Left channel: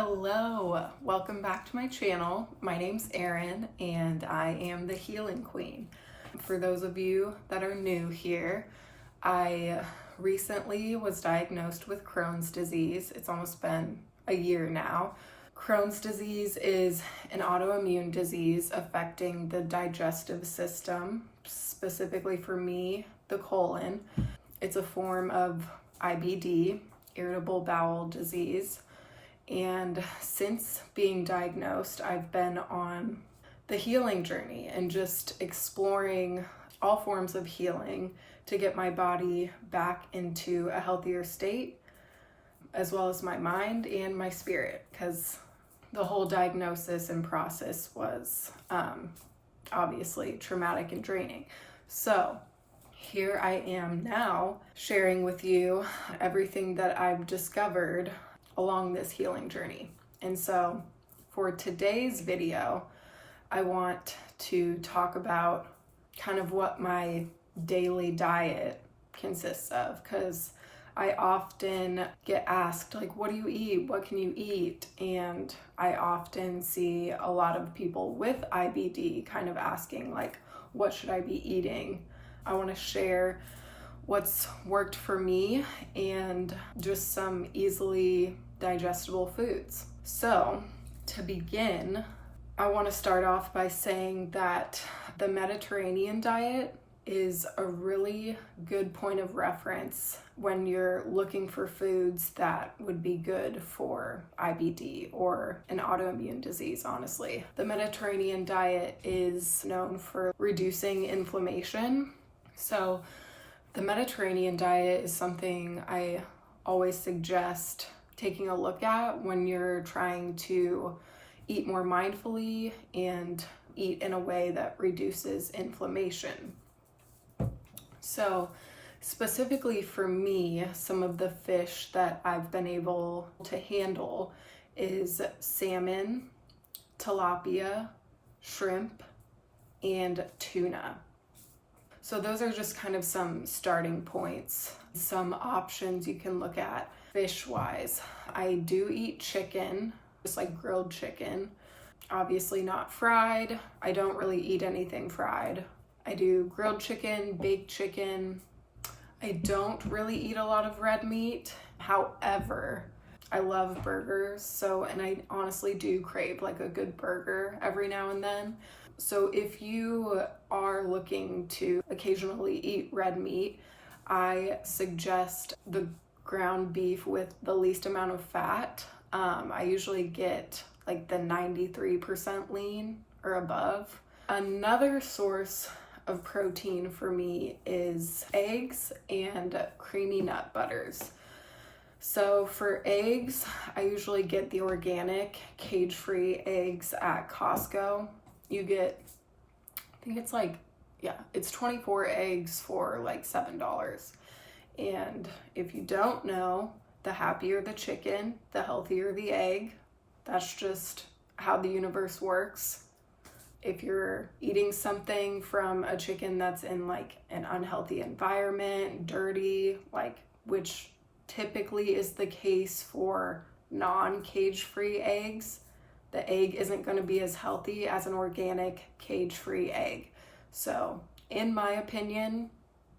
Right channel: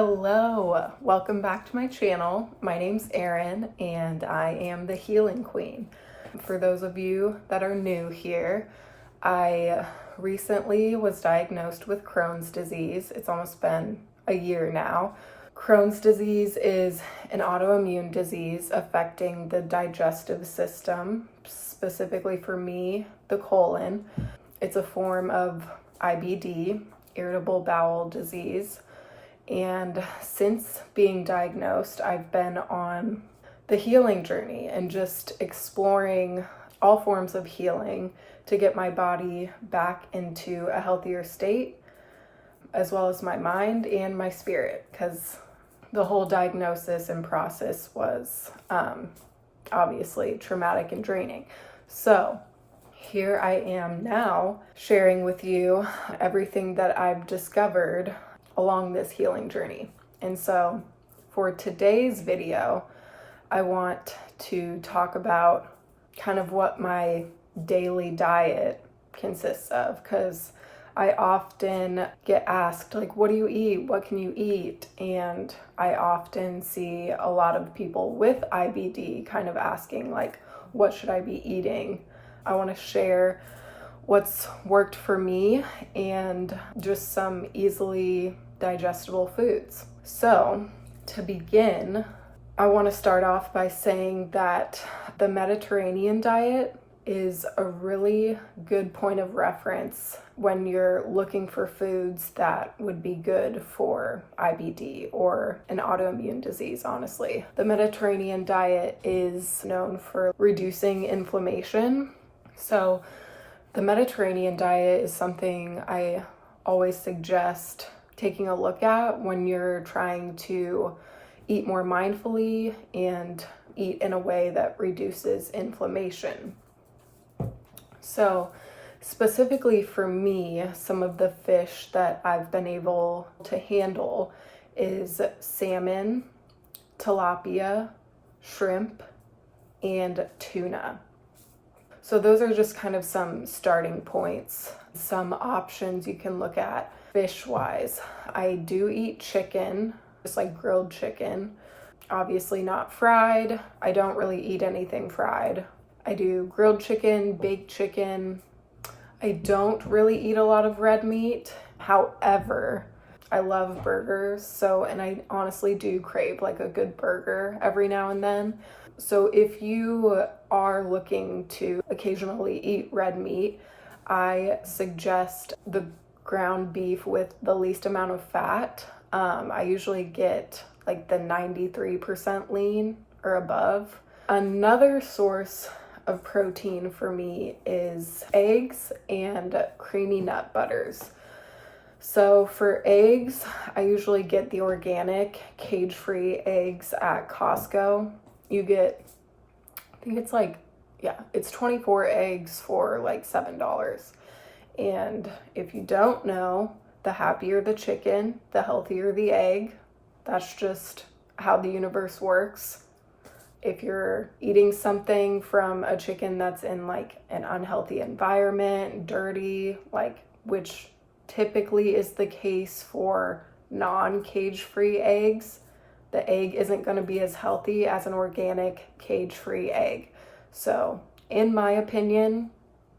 Hello, welcome back to my channel. My name's Erin and I am the Healing Queen. For those of you that are new here, I recently was diagnosed with Crohn's disease. It's almost been a year now. Crohn's disease is an autoimmune disease affecting the digestive system, specifically for me, the colon. It's a form of IBD, irritable bowel disease. And since being diagnosed, I've been on the healing journey and just exploring all forms of healing to get my body back into a healthier state, as well as my mind and my spirit, because the whole diagnosis and process was obviously traumatic and draining. So here I am now sharing with you everything that I've discovered along this healing journey. And so for today's video, I want to talk about kind of what my daily diet consists of, because I often get asked, like, what do you eat? What can you eat? And I often see a lot of people with IBD kind of asking, like, what should I be eating? I want to share what's worked for me and just some easily digestible foods. So to begin, I want to start off by saying that the Mediterranean diet is a really good point of reference when you're looking for foods that would be good for IBD or an autoimmune disease, honestly. The Mediterranean diet is known for reducing inflammation. So the Mediterranean diet is something I always suggest taking a look at when you're trying to eat more mindfully and eat in a way that reduces inflammation. So specifically for me, some of the fish that I've been able to handle is salmon, tilapia, shrimp, and tuna. So those are just kind of some starting points, some options you can look at fish-wise. I do eat chicken, just like grilled chicken, obviously not fried. I don't really eat anything fried. I do grilled chicken, baked chicken. I don't really eat a lot of red meat. However, I love burgers, and I honestly do crave like a good burger every now and then. So if you are looking to occasionally eat red meat, I suggest the ground beef with the least amount of fat. I usually get like the 93% lean or above. Another source of protein for me is eggs and creamy nut butters. So for eggs, I usually get the organic cage-free eggs at Costco. You get, I think it's like, it's 24 eggs for like $7. And if you don't know, the happier the chicken, the healthier the egg. That's just how the universe works. If you're eating something from a chicken that's in like an unhealthy environment, dirty, which typically is the case for non-cage-free eggs, the egg isn't going to be as healthy as an organic cage-free egg. So in my opinion,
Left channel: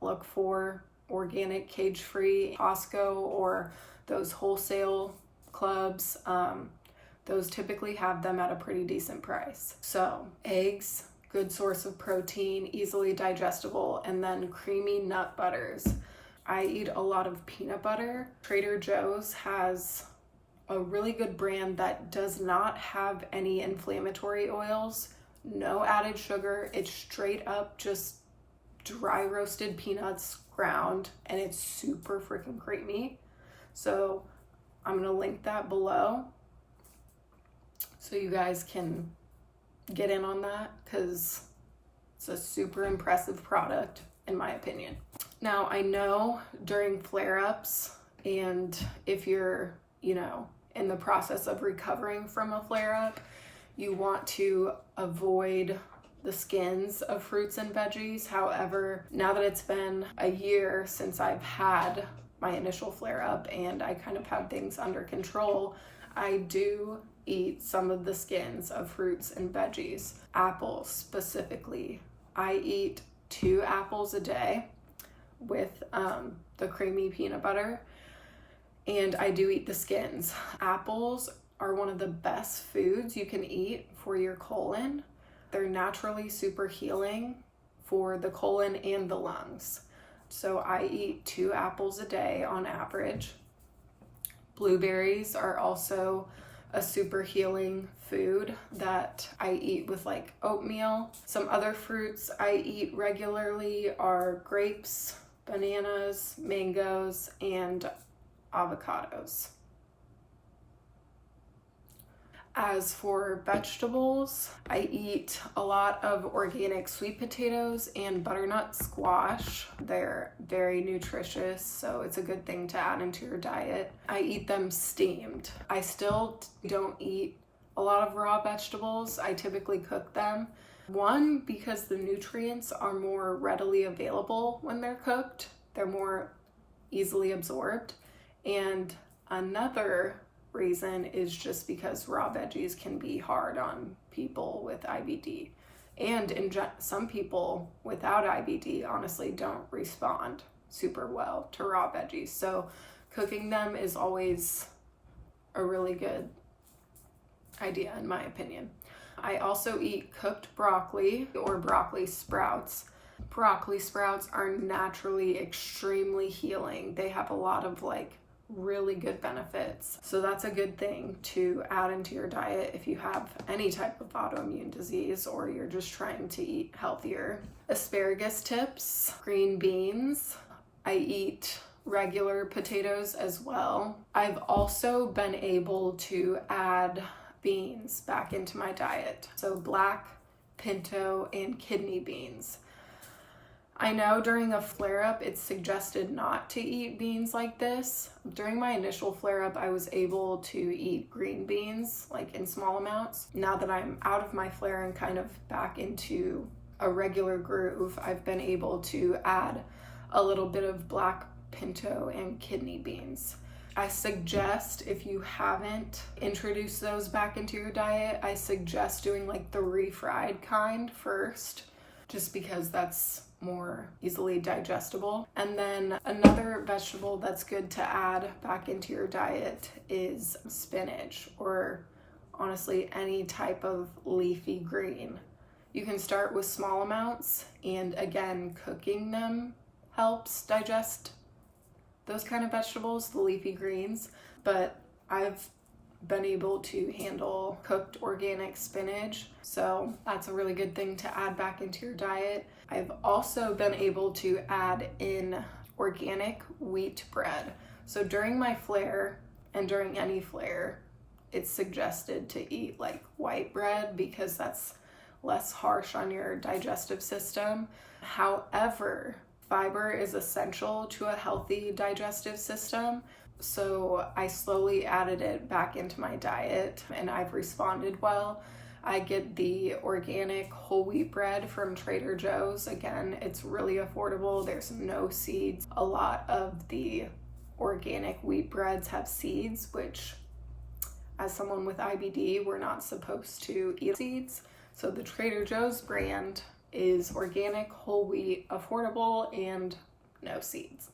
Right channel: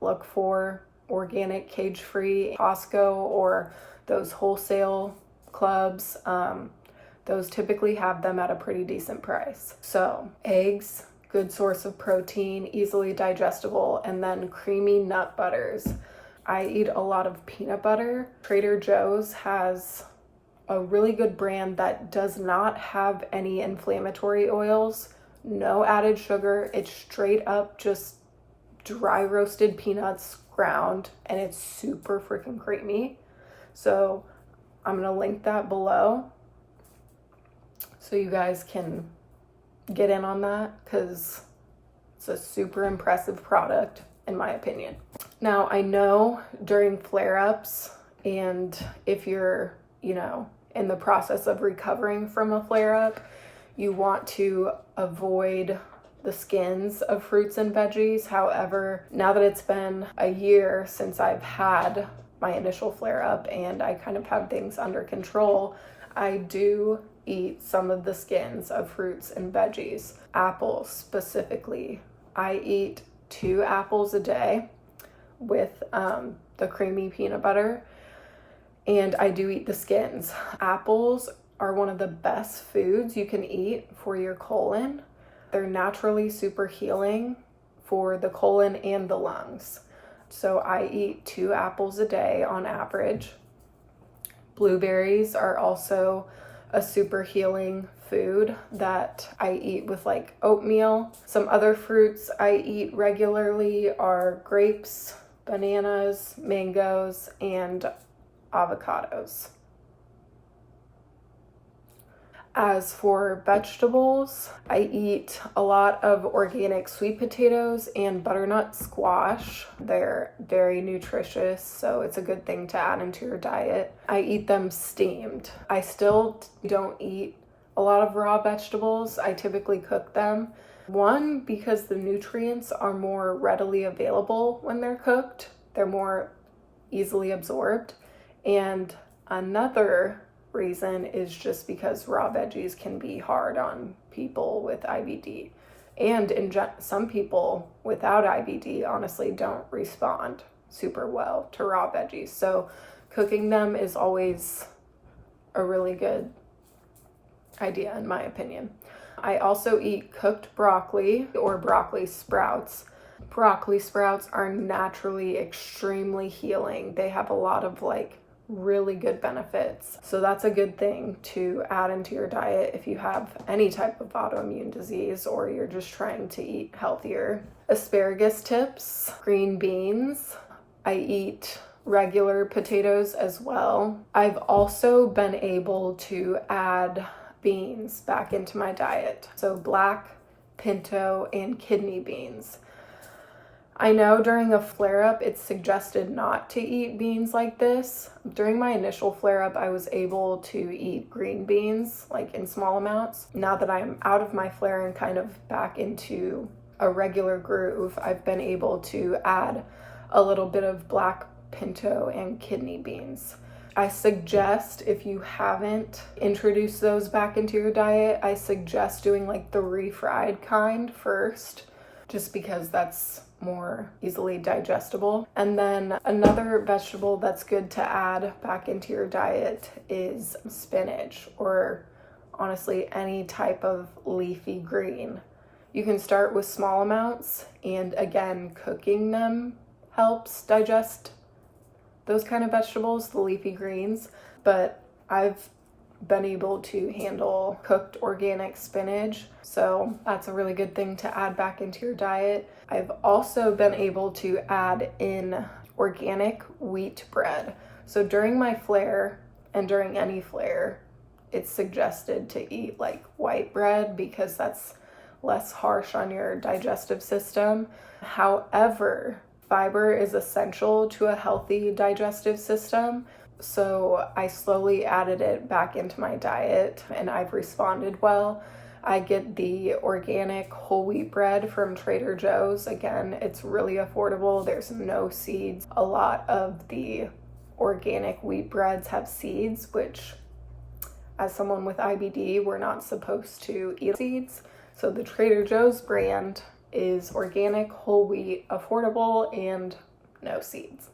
look for organic cage-free Costco or those wholesale clubs. Those typically have them at a pretty decent price. So eggs, good source of protein, easily digestible, and then creamy nut butters. I eat a lot of peanut butter. Trader Joe's has a really good brand that does not have any inflammatory oils, no added sugar. It's straight up just dry roasted peanuts ground, and it's super freaking creamy. So I'm gonna link that below so you guys can get in on that, because it's a super impressive product in my opinion. Now I know during flare-ups, and if you're, in the process of recovering from a flare-up, you want to avoid the skins of fruits and veggies. However, now that it's been a year since I've had my initial flare-up and I kind of have things under control, I do eat some of the skins of fruits and veggies. Apples specifically. I eat 2 apples a day with the creamy peanut butter, and I do eat the skins. Apples are one of the best foods you can eat for your colon. They're naturally super healing for the colon and the lungs. So I eat 2 apples a day on average. Blueberries are also a super healing food that I eat with like oatmeal. Some other fruits I eat regularly are grapes, bananas, mangoes, and avocados. As for vegetables, I eat a lot of organic sweet potatoes and butternut squash. They're very nutritious, so it's a good thing to add into your diet. I eat them steamed. I still don't eat a lot of raw vegetables. I typically cook them. One, because the nutrients are more readily available when they're cooked. They're more easily absorbed. And another reason is just because raw veggies can be hard on people with IBD. And some people without IBD honestly don't respond super well to raw veggies. So cooking them is always a really good idea in my opinion. I also eat cooked broccoli or broccoli sprouts. Broccoli sprouts are naturally extremely healing. They have a lot of really good benefits. So that's a good thing to add into your diet if you have any type of autoimmune disease or you're just trying to eat healthier. Asparagus tips, green beans. I eat regular potatoes as well. I've also been able to add beans back into my diet. So black, pinto, and kidney beans. I know during a flare-up, it's suggested not to eat beans like this. During my initial flare-up, I was able to eat green beans, in small amounts. Now that I'm out of my flare and kind of back into a regular groove, I've been able to add a little bit of black pinto and kidney beans. I suggest, if you haven't introduced those back into your diet, I suggest doing the refried kind first, just because that's more easily digestible. And then another vegetable that's good to add back into your diet is spinach, or honestly any type of leafy green. You can start with small amounts, and again, cooking them helps digest those kind of vegetables, the leafy greens. But I've been able to handle cooked organic spinach, so that's a really good thing to add back into your diet. I've also been able to add in organic wheat bread. So during my flare, and during any flare, it's suggested to eat white bread because that's less harsh on your digestive system. However, fiber is essential to a healthy digestive system. So I slowly added it back into my diet, and I've responded well. I get the organic whole wheat bread from Trader Joe's. Again, it's really affordable. There's no seeds. A lot of the organic wheat breads have seeds, which as someone with IBD, we're not supposed to eat seeds. So the Trader Joe's brand is organic, whole wheat, affordable, and no seeds.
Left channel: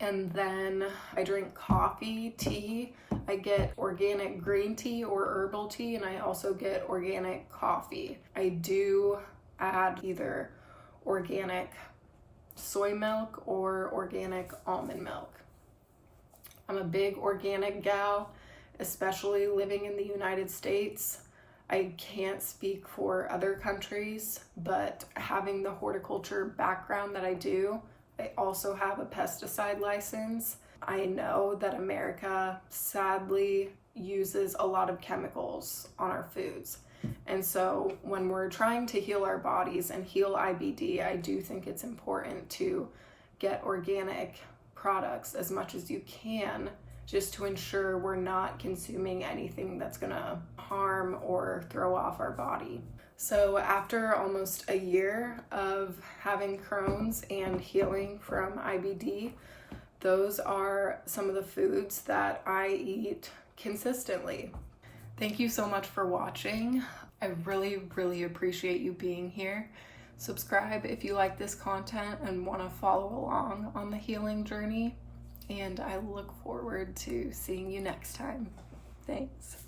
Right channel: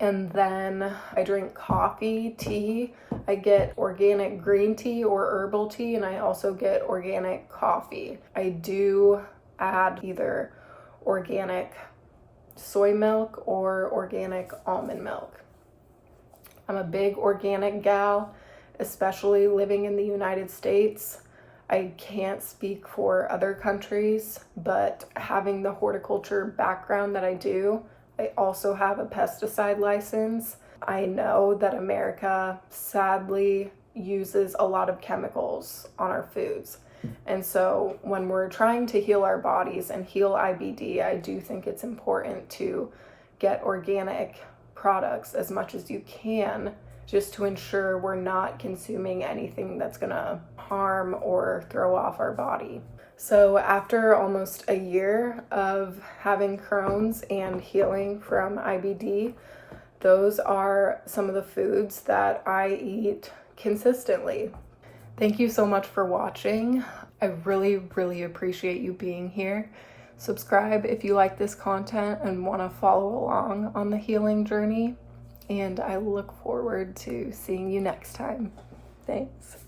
And then I drink coffee, tea. I get organic green tea or herbal tea, and I also get organic coffee. I do add either organic soy milk or organic almond milk. I'm a big organic gal, especially living in the United States. I can't speak for other countries, but having the horticulture background that I do, I also have a pesticide license. I know that America sadly uses a lot of chemicals on our foods. And so when we're trying to heal our bodies and heal IBD, I do think it's important to get organic products as much as you can, just to ensure we're not consuming anything that's gonna harm or throw off our body. So after almost a year of having Crohn's and healing from IBD, those are some of the foods that I eat consistently. Thank you so much for watching. I really, really appreciate you being here. Subscribe if you like this content and want to follow along on the healing journey. And I look forward to seeing you next time. Thanks.